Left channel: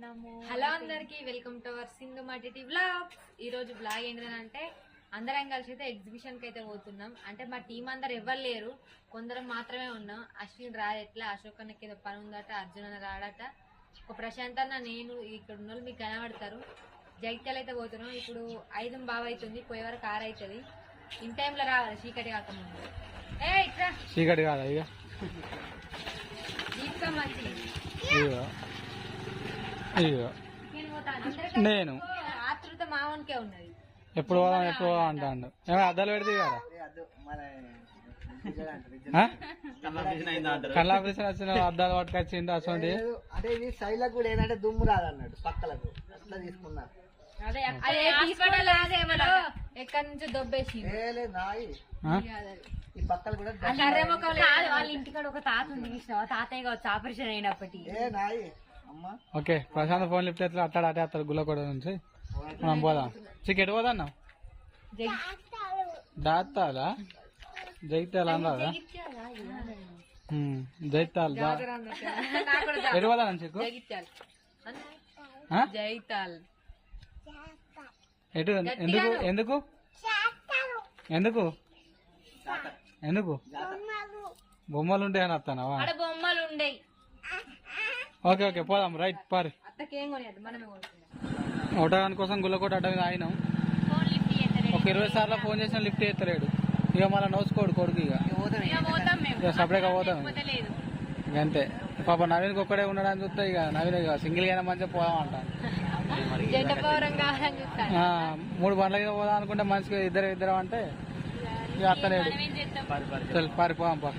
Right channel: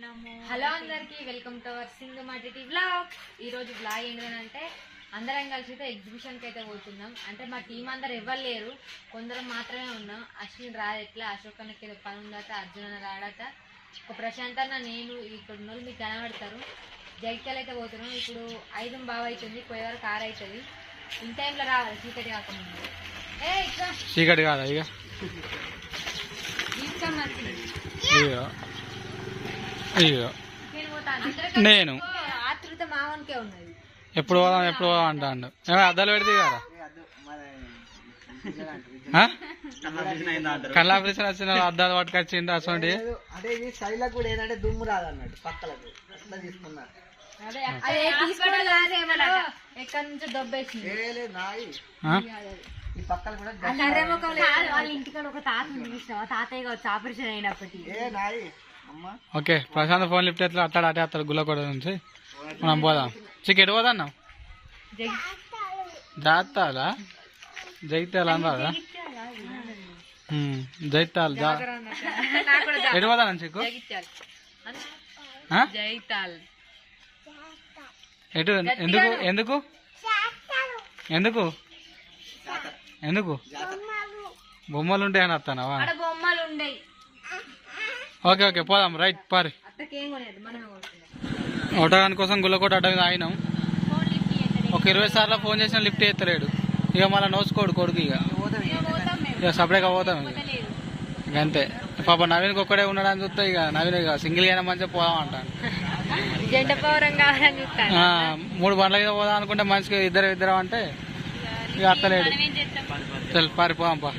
Hello అందరికి welcome to our సింధుమాటి vlog. ఈ రోజు వ్లాగ్ ఏంటంటే అందరం కలిసి అయితే ఎగ్జిబిషన్కి అయితే పోతున్నాం. అంటే మా టీం అందరు ఎవరు లేరు, కొందరం మాత్రమే ఉన్నాం. అశ్విన్ రాదు, ఎట్లా అశోక్ అన్నకి ఏదో పని ఉందట, అర్జున్ అన్న రాడట, ఒక ప్రశాంత్ అన్న నేను ఇక్కడ ఉన్న వాళ్ళు మీకు కనబడతారు. జగిత్యాల అయితే పోతున్నాం. ఇప్పుడు 5 బాగా అవుతుంది, పోయే వరకు 6 అవుతుంది. ఇన్ టైంలో రావాలి, చీకటి కాకముందు. చీకటి కాదా ఇక నేను ఆతృత మామూలుకే ఉన్నది. ఎప్పుడు పోదాం ఎప్పుడు పోదాం అంటాడు. అద్దాలు పెడితే కదా కళ్ళ ఆపరేషన్ వచ్చిన అద్దాలు పట్టుకొచ్చింది అసలు. అంటే ఇది శైలకు కూడా ఏంటంటే దుమ్ము రాదన్నట్టు పక్కలకు అట్లా తీసుకున్నారు. ఎక్కడి నుంచి దొబ్బేసి ఈ పక్కలు కూడా వాళ్ళ ఇంటికాడ ఒక తాత ఉంది, తాతయ్య కావచ్చు ఆపరేషన్ అయినప్పటికీ. ఓకే, ప్రశాంత్ ఫోన్ లిఫ్ట్ ఎట్లా అట్టాడు అటే అత్తాడు గుల్లకోట నుంచి. మనం పోదాం. చికెట్ పోదాం జాతాలా జైతాల అన్నారా జైతాల్ ఎటు పోదాం చిక్కు ఎటు ఎందుకు ఎందుకు ఎందుకు ఎందుకు బొమ్మలు ఉంటాయని వస్తానవా? బొమ్మలు ఉండే. ఓకే ఓకే పోదాం. రైట్ పారి ఆటోగాని కోసం గుల్లకోట అడ్డ మీద ఆగినాం. ఒక 20 సార్లు ఫోన్ చేసిన లిఫ్ట్ ఎత్తలేడు. ఇక మళ్ళీ నోసుకోడు కొడుకు. ఇక సపరేట్గా పోతాం ఇక అంతే. పాప నవీన్కి ఒక్కడే ఉన్నాడని చూస్తే ఇక నవీన్ ఇక సింగిల్గా అయినా మంచిగా పోదాం అంటాను. 3 బండ్ల మీద పోదాం అనుకుంటే మనిషికి ఇద్దరు అంటే ఇక అత్తలేడు. చల్ పారిపోదాం పా.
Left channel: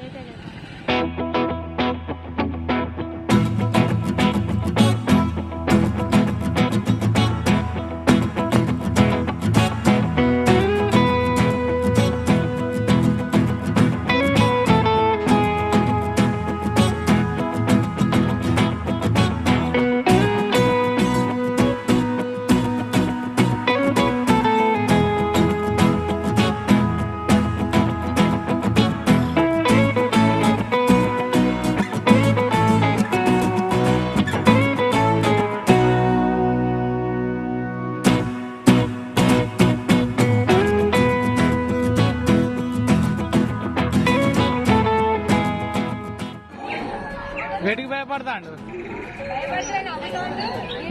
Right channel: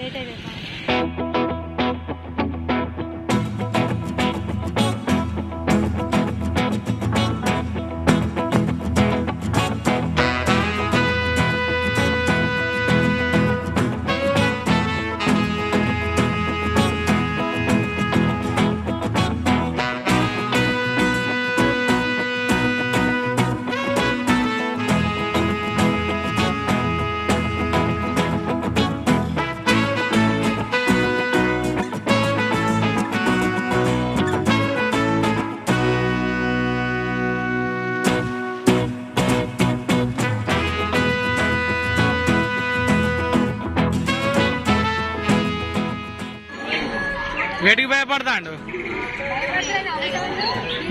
వేటికి భయపడతాడు?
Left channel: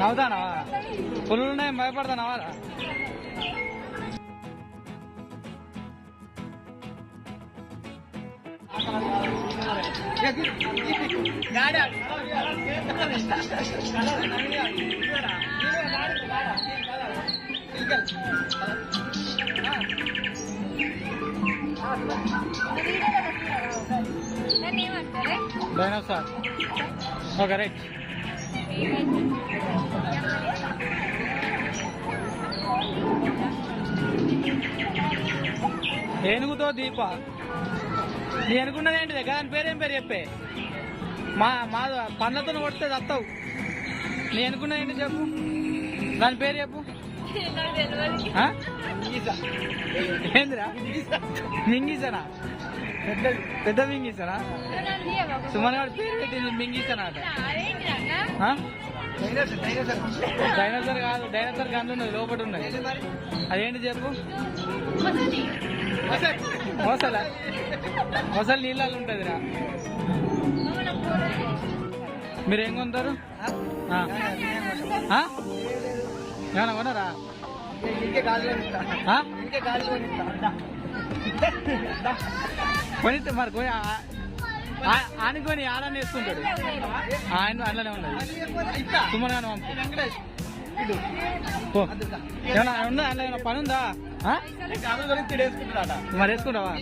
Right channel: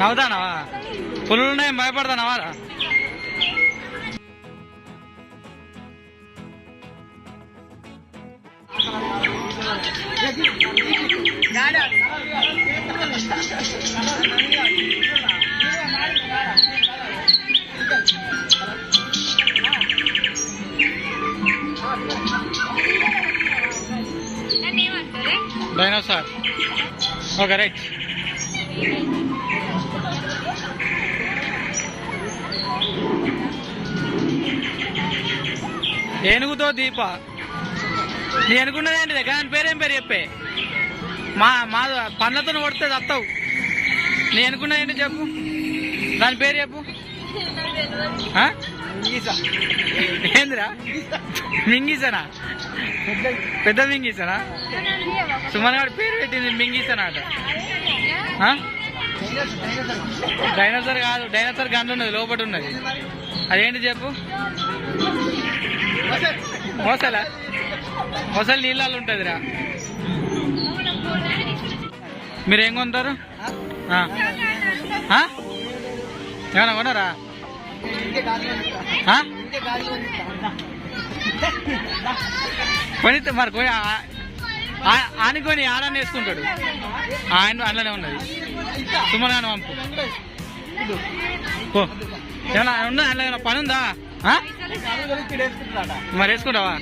నవ్వుతానవా? పులులు ఉన్నాయి భయపడతానవా? డైనోసార్. Okay right. ఏనుగుతో దీప నీ అనుకున్నది ఏంటిదే? దాని పేరేం పేరు చెప్పే? మా పండ్లతో కొడితే వస్తావు. నీ అనుకున్నది ఏంటి చెప్పు, దాని పేరు చెప్పు. ఏందిరా? మింగీసనా? పెద్ద మింగీసనా? సుమన్ గారి పేరు పెట్టింది మింగీసనాట. డైనోసార్ కాదు, డైనోసార్ గన్ను ఉన్నది లోపల ఉన్నది. అదేంటి చెప్పు. మొసలా? మొసలు నీళ్ళల్లో ఉంటుందిరా. మీరేం కొంటారు? ఏమన్నా కొన్నారా? కొని మరి కొని ఆనుకొని ఆడాన్ని వేసుకుంటాడు. ఆయన అందులోనే ఉన్నది. సుమన్ గాని పంపు. ఏమన్నా ఉందా? అందులో ఏమన్నా పని ఉందా? మరి వేసుకుంటావా?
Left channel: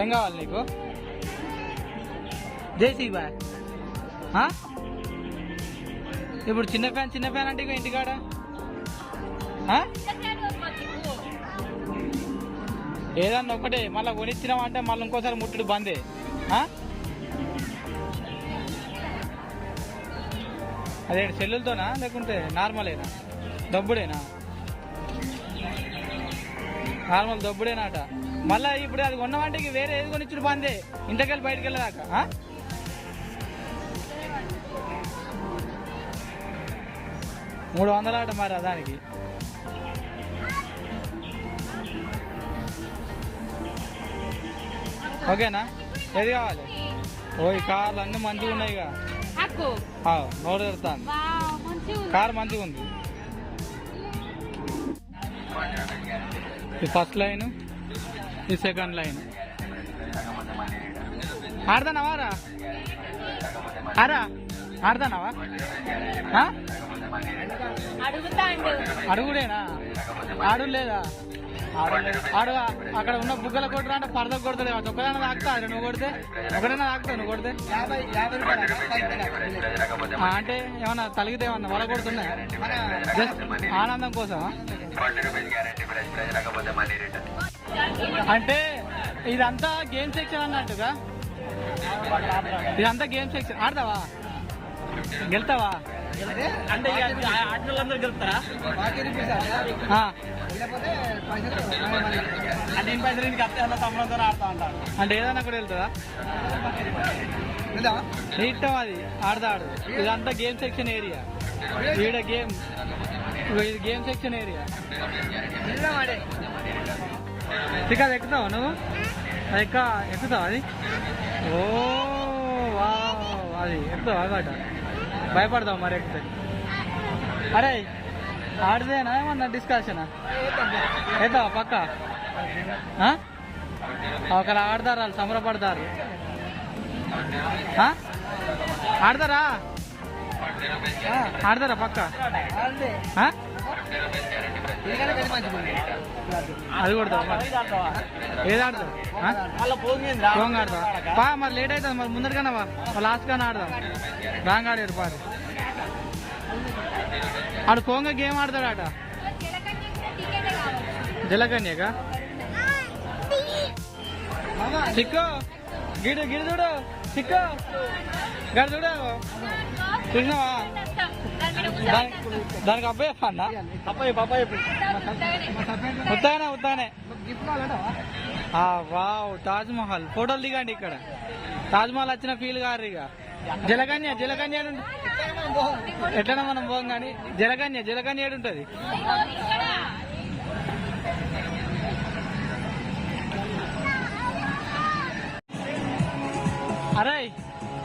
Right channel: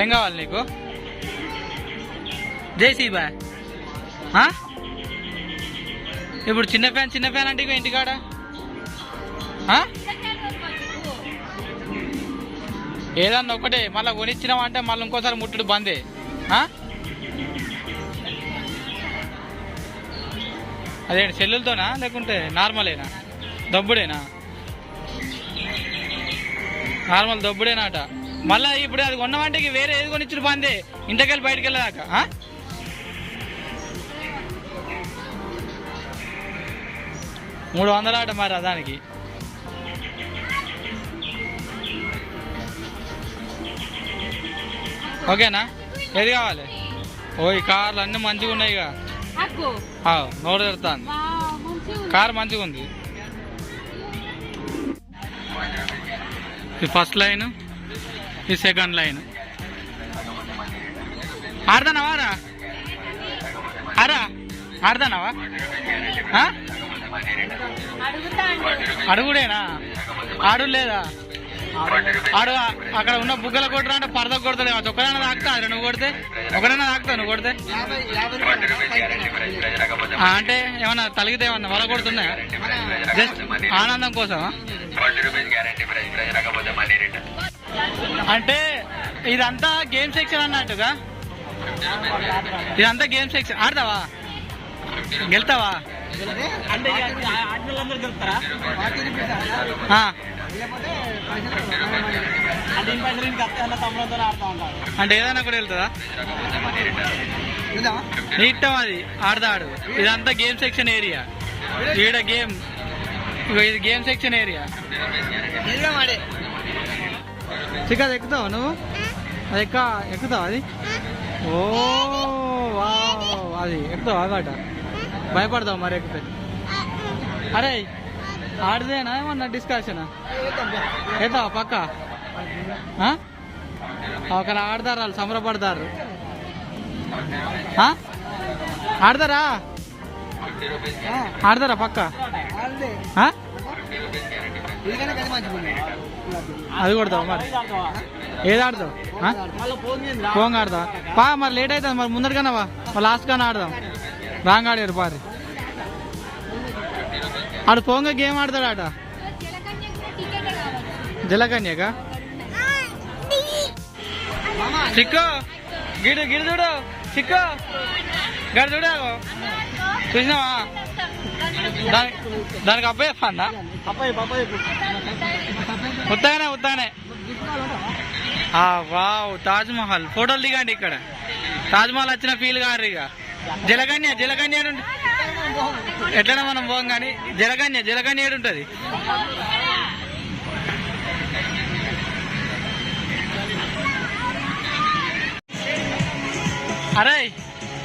ఏం కావాలి నీకు? జేసీబా? ఇప్పుడు చిన్న ఫ్యాన్ అంటే ఇక ఇంటికాడ ఏదన్నా ఒకటే మళ్ళీ కొనిచ్చినామంటే మళ్ళీ ఇంకోసారి ముట్టుడు బందే. అదేంటి సెల్లులతోనా లేకుంటే నార్మలేనా? దబ్బుడేనా? నార్మల్ దబ్బుడేనా అట. మళ్ళీ ఇప్పుడు అది కొన్నామంటే వేరే ఏది కొనిచ్చుడు బందే, ఇంటికెళ్ళి బయటకు వెళ్ళదాకా. 300 ఆట మరి దానికి. ఓకేనా? ఏది కావాలి? ఓ ఈ కార్లు అన్నీ మంచిగా ఉన్నాయి ఇక. నోరు తెరుతాను. కార్ మంచిగా ఉంది. ఈ ఫస్ట్ లైన్, ఈ సెకండ్ లైన్. ఆడతానావా రా? ఆడతానావా? అడుగుడేనా? ఆడు లేదా? ఆడు అక్కడ ఉన్న బుగ్గల కొట్టరా అంటే పరద కొడతాడు. ఒకరైనా తాకుతా నువ్వు కొడితే? ఒకరైనా తాకుతావు నువ్వు కొడితే? అంటే ఏమన్నా తలిగితే ఏమన్నా వల కొడుతున్నా? జస్ట్ ఆనందం కోసం. అంటే ఇదంతా గేమ్ సెక్షన్ అన్నట్టుగా. ఇదంతా గేమ్ సెక్షన్. ఆడతావా? గెలుతావా? అంటే గెలుస్తారా? అంటే ఏదైనా కూడా వెళ్తుందా? ఇష్టం అది ఆడతాడు. ఇదంతా గేమ్ సెక్షన్ ఏరియా. ఈడ గేమ్, ఇది గేమ్ సెక్షన్ ఏరియా. చిక్కది ఎక్కుతావా నువ్వు? అది ఎక్కుతావా? అది ఓ అది ఎక్కుతావా? అన్నమాట భయపడతావు మరి ఎక్కితే. అరే ఆడదేనా ఏమన్నా డిస్కషనా? అవుతావా పక్క? ఒకరు ఆడతారు, వాళ్ళు సంబరపడతారు. ఆడతారా? ఆడతారా పక్క? అది కొడతావు మరి? ఏది ఆడతావు? పోంగ ఆడతావా? పా మరి లేట్ అవుతుంది మరి, ముందరికన్నా మరి లాస్ట్ కానీ ఆడదాం. రాంగ్ ఆడారు పారు. ఆడు పోంగ గేమ్ ఆడతాడట. జలకన్యక చిక్కు గిడు గిడు చూడు. చిక్కు గడు చూడు. చూసినావా? దానికి అబ్బాయి చెప్పండా? ఉత్తగానే ఉత్తగానే. వావ్, తాజ్ మహల్ ఫోటోలు దిగండి. ఇక్కడ తాజ్ మహల్ వచ్చిన ఫీల్ కారు. ఇక జలకన్య ఎట్లన్నా మనం పోం కానీ జలకన్య ఏడుంటది? అరే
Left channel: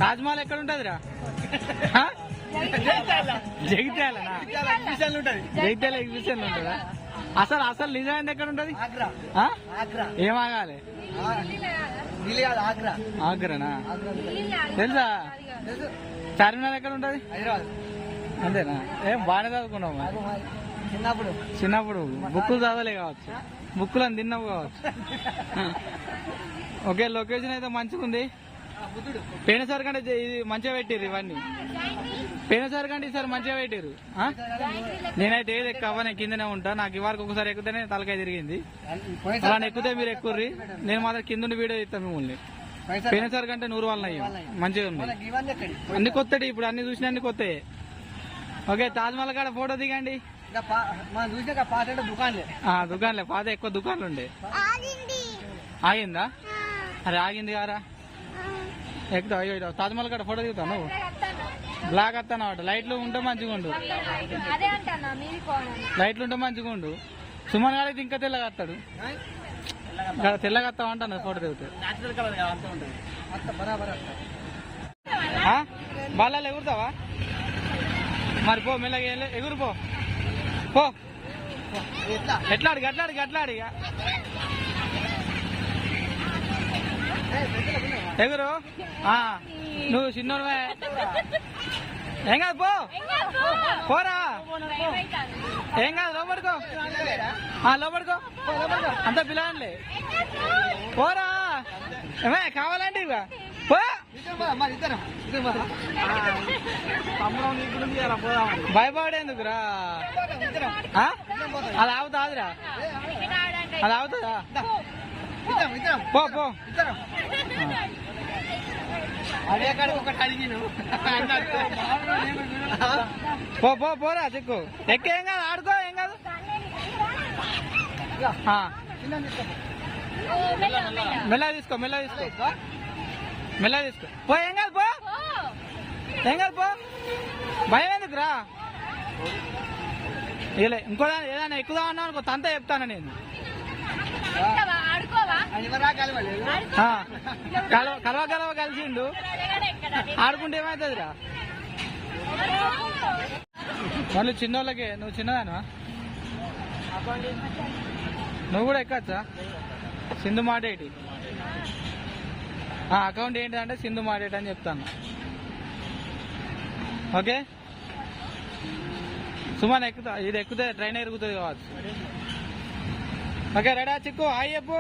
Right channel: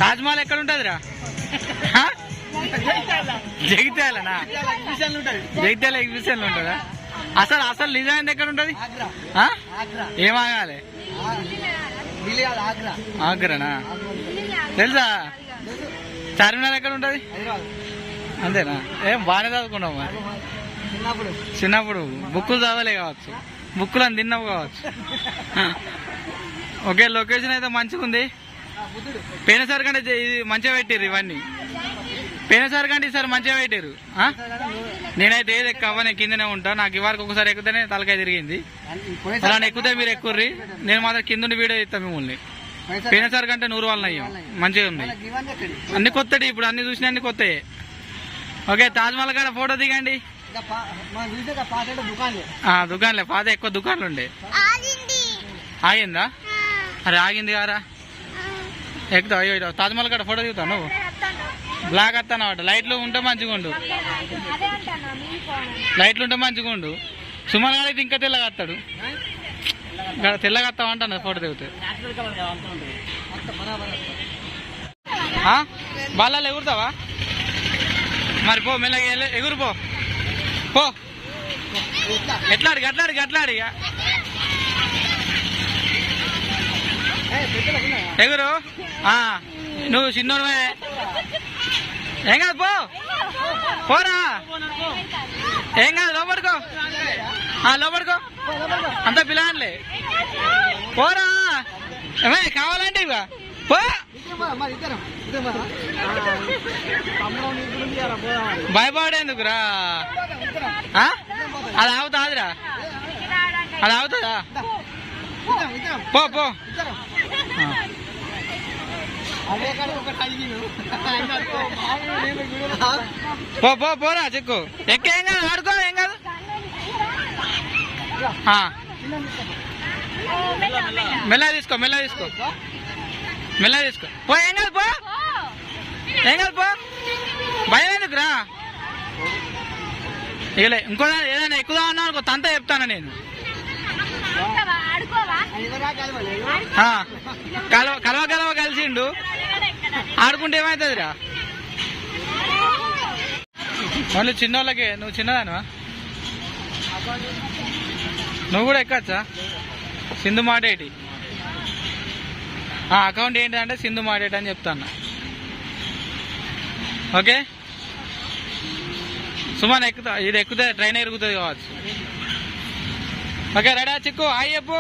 తాజ్ మహల్ ఎక్కడ ఉంటదిరా? జగిత్యాలనా? జగిత్యాల ఎగ్జిబిషన్ ఉంటుందా? అసలు నిజాన్ని ఎక్కడ ఉంటది? ఏమాగాలి? ఆగ్రానా? తెలుసా? చార్మినార్ ఎక్కడ ఉంటది? అంతేనా? ఏం బాగానే చదువుకున్నావు మరి. చిన్నప్పుడు బుక్కులు చదవలే కావచ్చు, బుక్కులను తిన్నావు కావచ్చు. ఓకే, లొకేషన్ అయితే మంచిగా ఉంది. పోయినసారి కంటే ఇది మంచిగా పెట్టారు. ఇవన్నీ పోయినసారి కంటే ఈసారి మంచిగా పెట్టారు. నేనైతే ఏది ఎక్కవనే కిందనే ఉంటా. నాకు ఇవాళకి ఒకసారి ఎక్కుతేనే తలకాయ తిరిగింది. అలా ఎక్కుతే మీరు ఎక్కుర్రి, నేను మాత్రం కింద వీడియో ఇస్తాను మిమ్మల్ని. పోయినసారి కంటే 100 వాళ్ళని అయ్యాం. మంచిగా ఉన్నాయి అన్ని కొత్తటి. ఇప్పుడు అన్ని చూసినా అన్ని కొత్తయే. ఓకే, తాజ్మహల్ కాడ ఫోటో దిగండి. దుకాణంలే పాత ఎక్కువ దుకాణాలు ఉండే. ఆగిందా? అరే ఆగింది కారా? ఎక్కుతావు? అయ్యో తాజ్మహల్ కాడ ఫోటో దిగుతావు నువ్వు? బ్లాక్ వస్తానమాట. లైట్లు ఉంటే మంచిగా ఉండు. లైట్లు ఉంటే మంచిగా ఉండు. సుమన్ గారు అయితే ఇంకా తెల్లగా వస్తాడు. తెల్లగా వస్తావు అంటాను ఫోటో దిగుతావు. బాలలో ఎగురుతావా మరి? పో మెల్లగా ఎగురు పో. ఎట్లాడి ఇక ఎగురు. నువ్వు చిన్నోడువే, ఏం కాదు పోరా. ఏం కాదు, లోపడుకో అంతా పిల్లలే. పోరా ఏమే కావాలంటే ఇక పో. భయపడేందుకురా? అది ఆగుతాదిరా? అది ఆగుతుందా? పో పోరా చెక్కు ఎక్కే. ఏం కాదు, ఆడుకో. ఏం కాదు. మెల్లగా తీసుకో పో. ఏం కాదు పో. భయం ఎందుకురా? ఇకలే ఇంకో ఏదైనా ఎక్కుదాం అన్నా అనుకో తంత చెప్తాను నేను. కలవ కలవ కలిసిండు ఆడుకుంటే ఏమవుతుందిరా. మళ్ళీ చిన్నోళ్ళకే. నువ్వు చిన్నదానివా? నువ్వు కూడా ఎక్కచ్చా? సింధు మాటేటి అకౌంట్ ఏంటంటే సింధు మాటేటి అని చెప్తాను. ఓకే సుమన్ ఎక్కుతా, ఇది ఎక్కుతే ట్రైన్ ఎరుగుతుంది కావచ్చు. ఓకే రెడీ చిక్కు హాయ్ చెప్పు.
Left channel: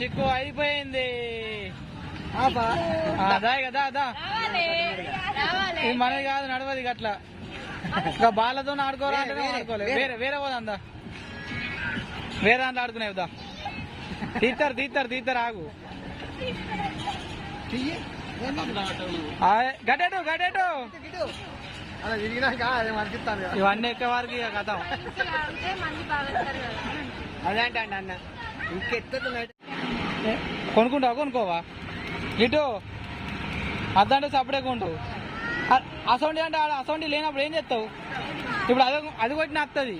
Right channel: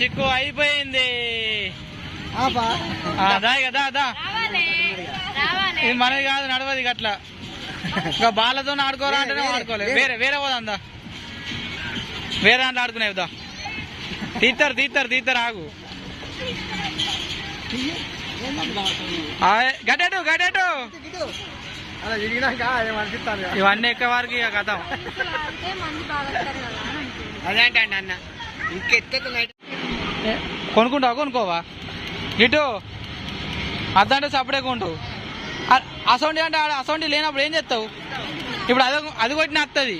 చిక్కు అయిపోయింది. దా ఇది మనది కాదు, నడవది అట్లా. ఇంకా బాలతో ఆడుకోరా అంటేనే ఆడుకోలేదు. వేరే వేరే పోదా, వేరే దాంట్లో ఆడుకునేదా. తీస్తారు ఆగు. గడ్డెటు గడ్డెటు ఇవన్నీ ఎక్క వారికి ఇక కథం. అదేంటండి అన్న కొనుక్కుంటావా? కొనుక్కోవా ఇటు అద్దంటే సపడే కొంటావు. అసౌండి అంటే అసౌండి లేనప్పుడు ఏం చేస్తావు? ఇప్పుడు అది కొట్టిన వస్తుంది.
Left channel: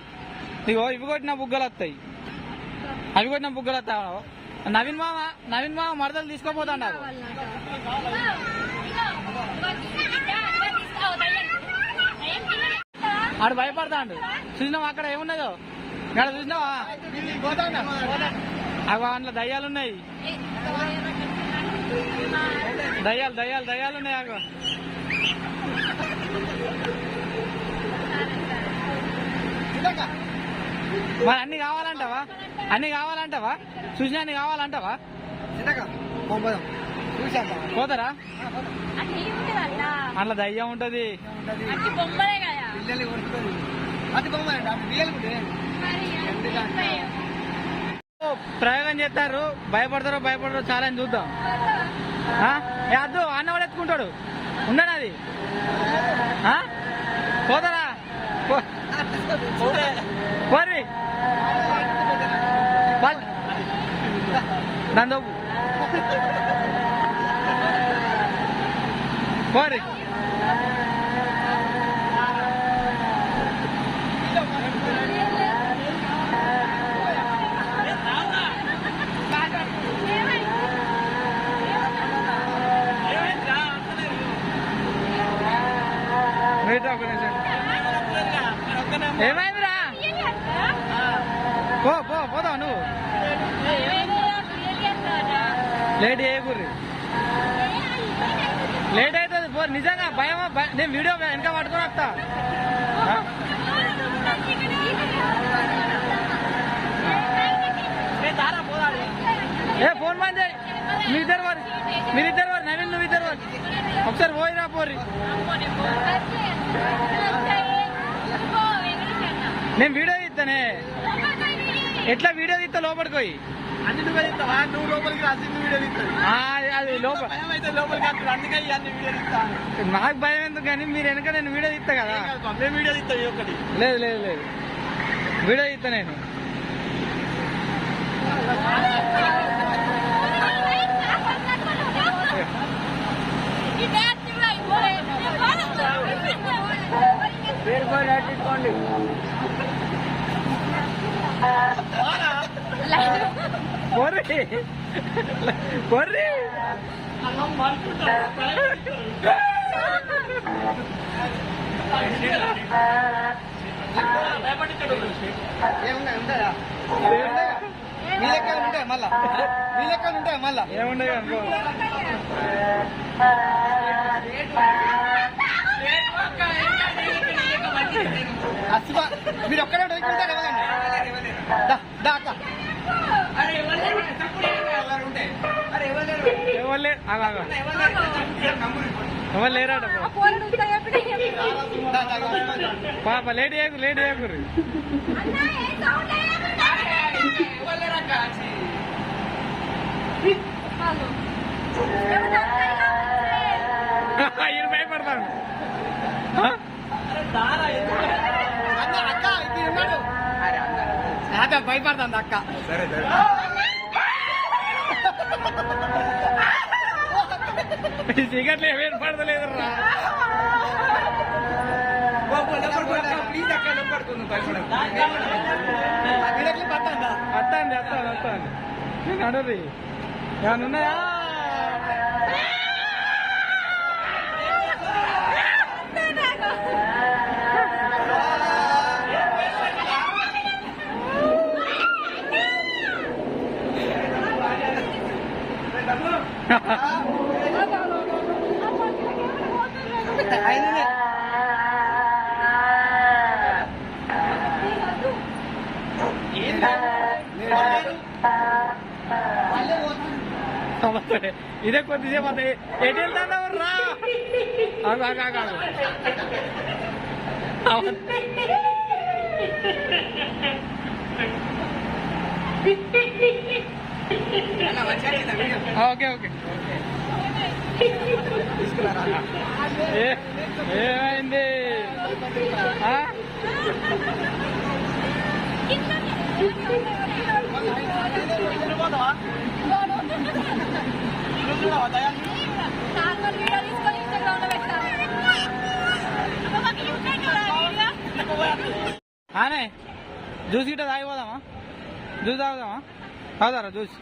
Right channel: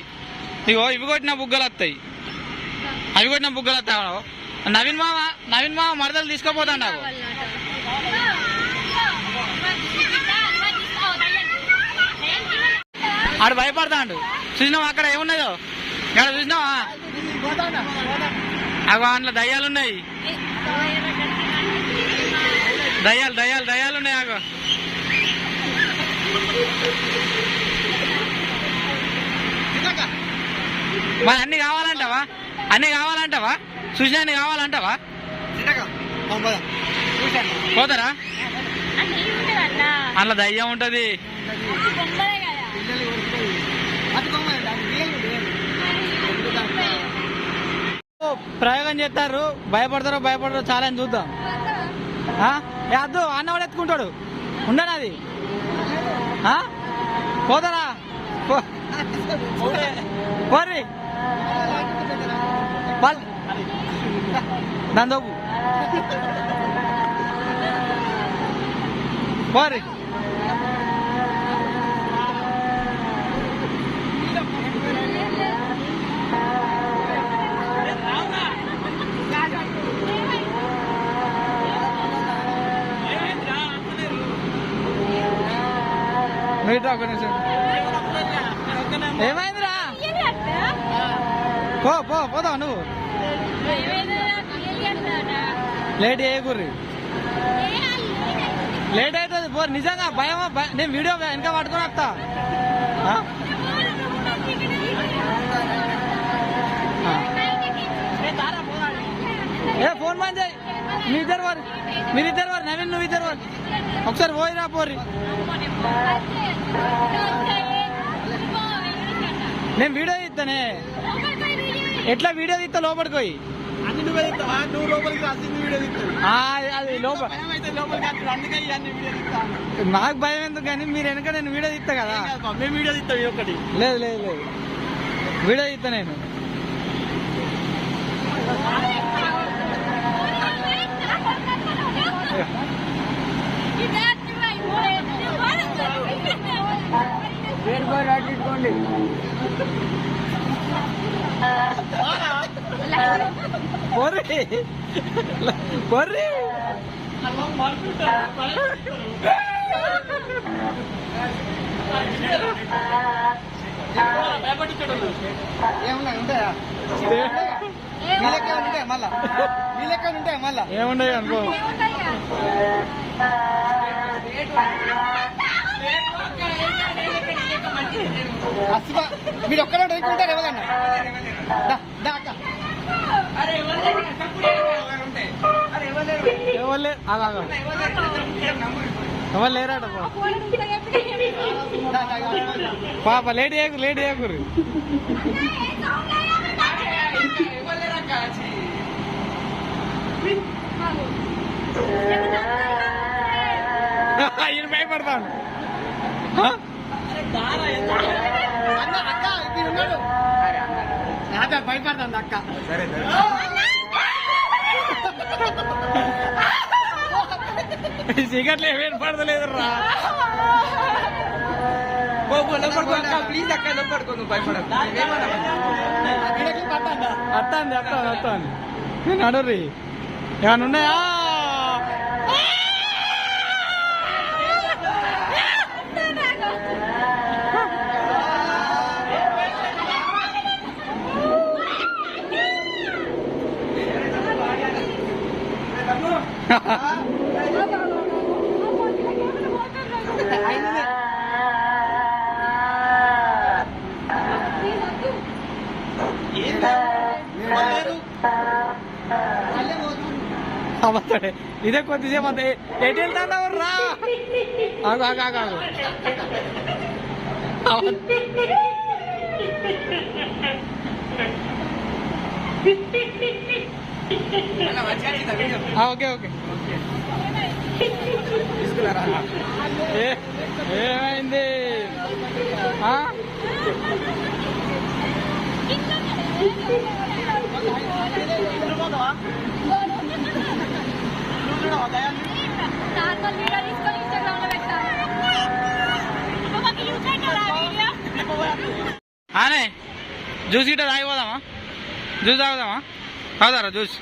ఇగో ఇవి కొట్టిన బుగ్గలు వస్తాయి, అవి కొట్టిన బుగ్గలు వస్తావు. నవీన్ మామ మరదలు తీసుకుపోతా నాకు. ఆడు భయపడతాడు. చూసినావా అక్కడ ఏమున్నాయో? ఇక్కడ చూసినావా? అవి అందులో దయ్యాలున్నాయి. దయ్యాలున్నాయి. అగో మరి అన్ని కావాలంటావా? చూసినా అన్ని కావాలంటావా? పోతారా? అందులో దయ్యం ఉంటది. ప్రయోగం చేస్తారు. భయపడతారో చాలా అని చూద్దాం. అద్దు అన్న వాడు ఎత్తుకుంటాడు. ఉండను అది. పోతారా? పోరి దాని దోపు పోరి. ఏమైందిరా? పోతావు నువ్వు. లేట్ చేయకూర్రి, లేట్ అవుతుంది. పో నిజంగా భయమా? నేను వీడియో వెనక పట్టుకొని వస్తా. ఫోన్ బంద్ చేయి. మీరిద్దరు వారు నవీన్ నువ్వు ఇద్దరు వారు ఒకసారి పోయిరా పోరి. నేను వీడియో తీస్తానే. ఎట్లా వీడియో తీస్తా? లోపలికి పోయి అది నాకు భయం ఎందుకు కానీ మీరు వెనక నేను వీడియో తీస్తా కదా. లేదు వీడియో తీస్తా నేను. పొర్రి ఉంటాయా మళ్ళా? ఏముండవు అనుకో. మీరు ఒక్కడే ఉంటారు ఎవరన్నా? ఎవరు ఎవరు లేరాట పాప లేట్ చేయకు లేట్ చేయకుర్రి ఈయన భయపడతాను అక్క భయపడతాను అక్క సరే సరే సిగరెట్లు ఏమేమి పడతలేదు రా అత్తాంది అత్తాను అత్తాను నేను అడుర్రి ఏమన్నా ఉన్నాయా ఇదే కొద్దిసేపు అంత ఎటు వెళ్తావు రా ఓకే ఓకే ఏమైంది ఆనే జ్యూస్ గిట్ట తాగిపోదామా జ్యూస్ తాగుదామా తాగుతారా జ్యూస్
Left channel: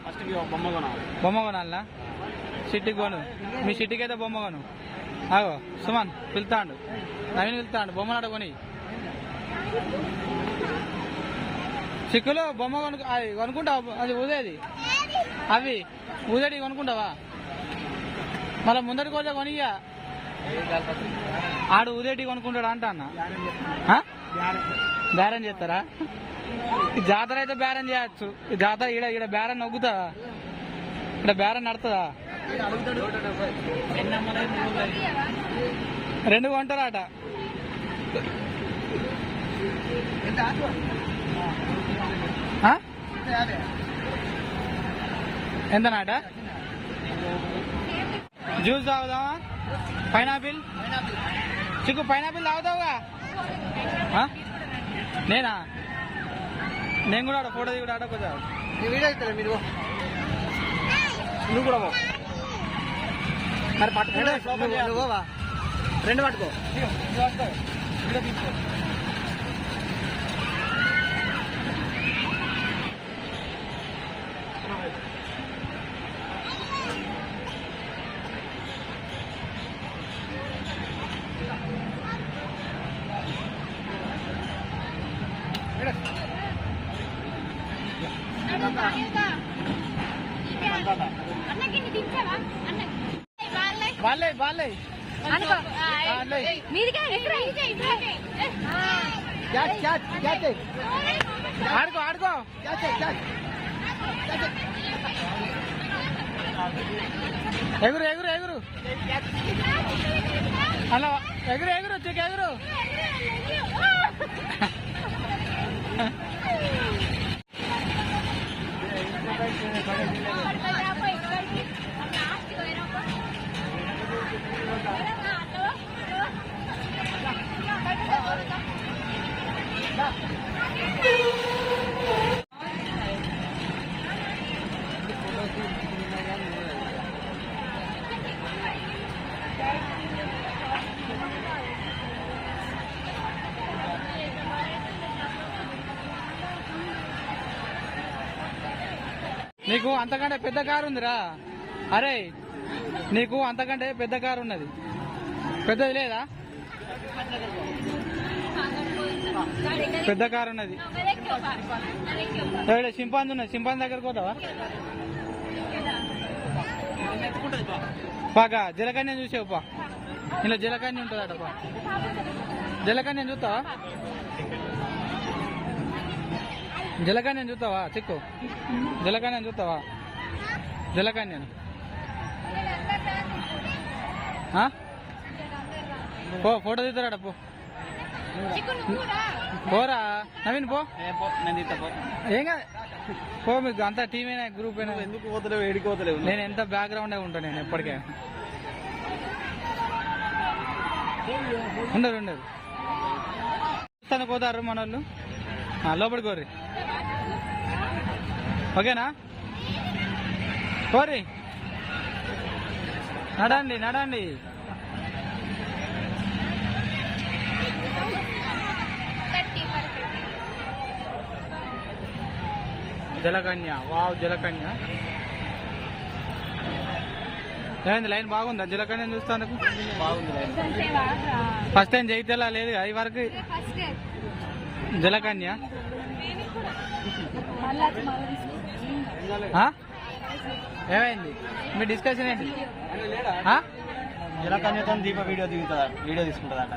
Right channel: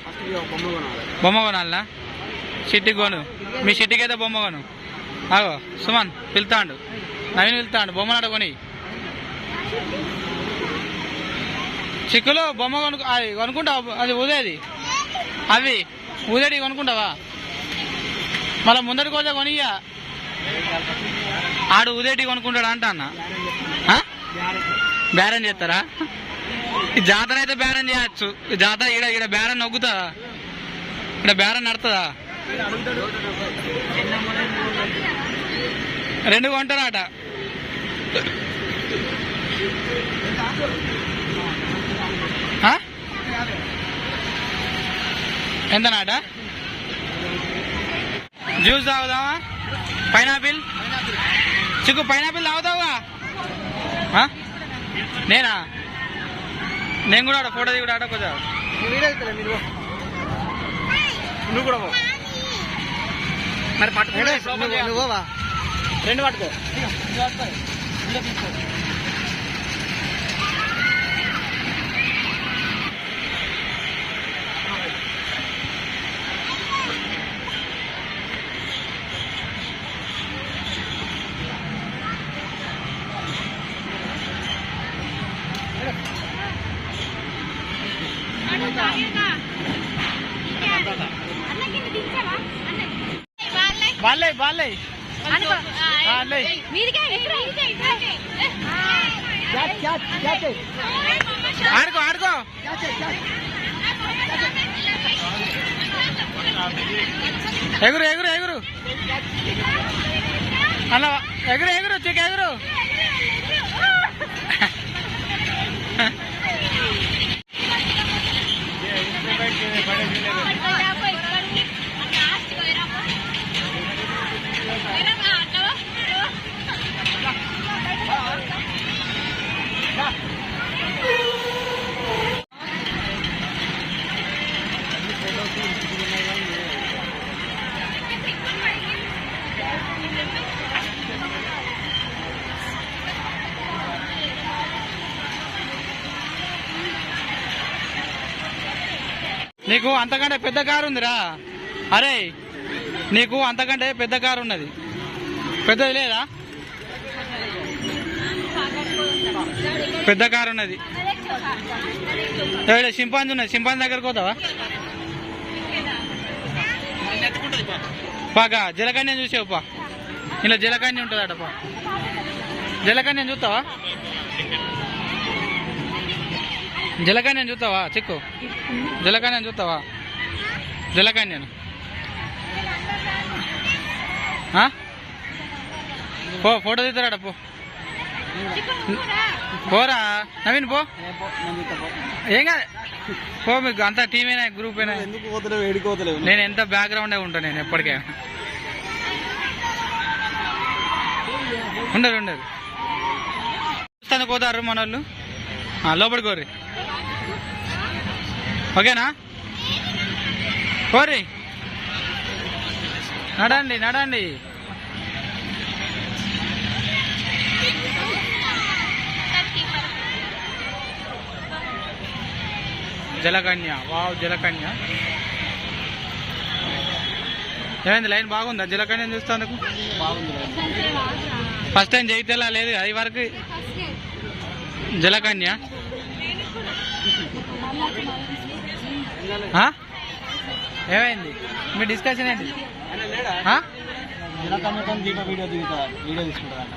బొమ్మ కొనాలనా షిట్టికి కొను మీ షిట్టికి అయితే బొమ్మ కొను ఆగో సుమన్ పిలుతాండు నవీన్ పిలుతాండు బొమ్మలాట కొని చిక్కులు బొమ్మ కొనుక్కుంటావా అది ఊదేది అవి ఊదేటి కొనుక్కుంటావా మళ్ళీ ముందటి కోసం కొనియ్యా ఆడు ఊదేటి కొనుక్కుంటాడు అంట అన్న బేరం చేస్తారా ఈ జాతర అయితే బేరం చేయచ్చు ఈ జాతర ఈడ ఈడ బేరం నొగ్గుతుందా ఇక్కడ బేరం నడుతుందా రెండు కొంటారట ఎంత నాట జ్యూస్ తాగుదామా పైనాపిల్ చిక్కు పైనాపిల్ తాగుతావుగా నేనా నేను కూడా ఆడ ఫోటో దిగుడు ఆడ కొంచెం నువ్వు కూడా మరి పట్టుకో నువ్వా రెండు పట్టుకో తీసుకో బాలే బాలే ఆడుకో ఆడుకో ఎగురు ఎగురు ఎగురు అలా ఎగురు ఎగురు చిక్ ఎగురు నీకు అంతకంటే పెద్ద కారు ఉందిరా అరే నీకు అంతకంటే పెద్ద కారు ఉన్నది పెద్దది లేదా పెద్ద కారు ఉన్నది సింపాంజీ ఉన్నది సింపాంజీ దగ్గరకు పోతావా పాగా జలకన్యం చూసావు పా ఇలా జలకన్యం ఉంటుందట పా జలకన్యం చూస్తావా జలకన్యం చూస్తావా చిక్కు జలకన్యం చూస్తావా జలకన్యం పో ఫోటో తీస్తారా పో పోరా నవీన్ పో ఏం కాదు పో మీకు అంతా టీమేనా గ్రూప్ అయినా నేను ఎంత బ్యాక్గ్రౌండే ఉంటాను నేను ఎప్పటికైనా ఉండరు చూస్తాను పోతారు మన వాళ్ళు లోపలికి కోరి ఓకేనా కోరి నడండి జలకన్య వావ్ జలకన్య ఏమైంది లైన్ బాగుందా జలకన్య చూస్తాను బాగుంది ఫస్ట్ టైం జైతేలా లేదు అది వరకు జలకన్య ఏమైంది మీ డిస్కషన్ ఏంటి జలకన్యతో దీప వీడియో తీసుకుంటుందంట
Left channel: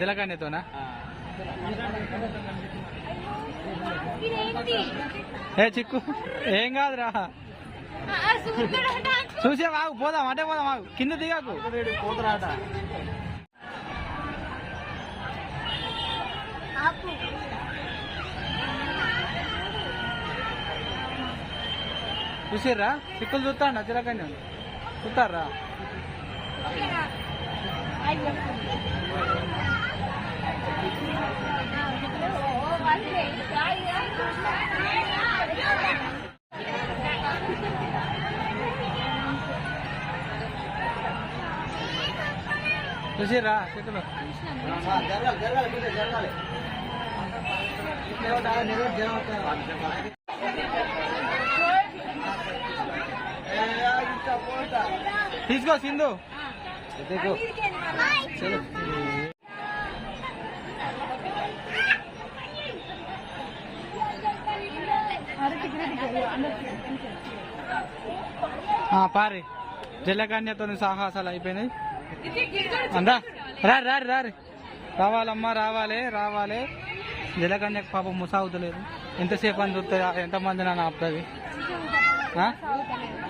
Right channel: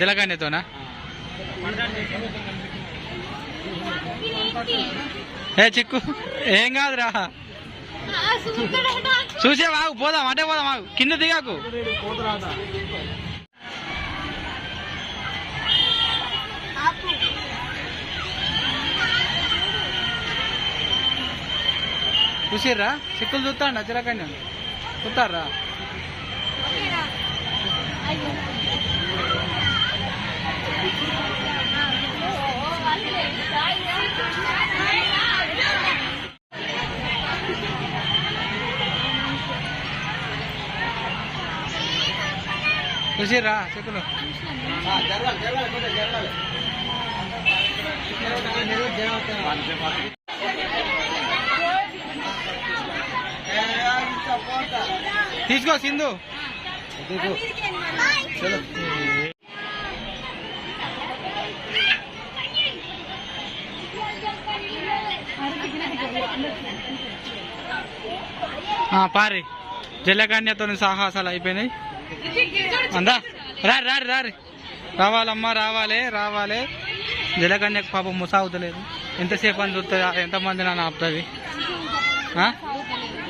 జలకన్యతోనా ఏ చిక్కు ఏం కాదురా చూసే వాగు పోదాం అంటే పోదాం వాగు కింద దిగాకు పోతురాట చూసిర్రా చిక్కులు చూస్తాండి జలకన్య చూస్తారా చూసిర్రా చిక్కులు తీసుకో సింధు పారి జలకన్యతో సాహసాలు అయిపోయినాయి అందా రారి రావాలమ్మా రావాలి జలకన్యకు పాపం ముసాగుతలేదు ఎంతసేపు అని చూస్తుంది ఎంతమంది నన్ను ఆపుతుంది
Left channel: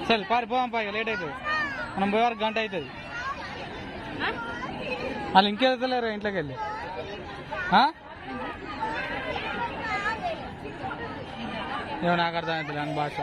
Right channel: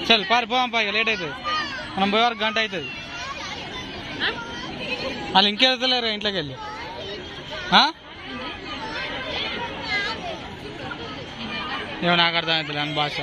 చల్ పారి పోదాం పా లేట్ అవుతుంది మనం పోయే వరకు గంట అవుతుంది వాళ్ళు ఇంకెళ్తలేరు ఇంట్లోకి వెళ్ళి ఏమో నాకు అర్థమవుతుంది అని భాష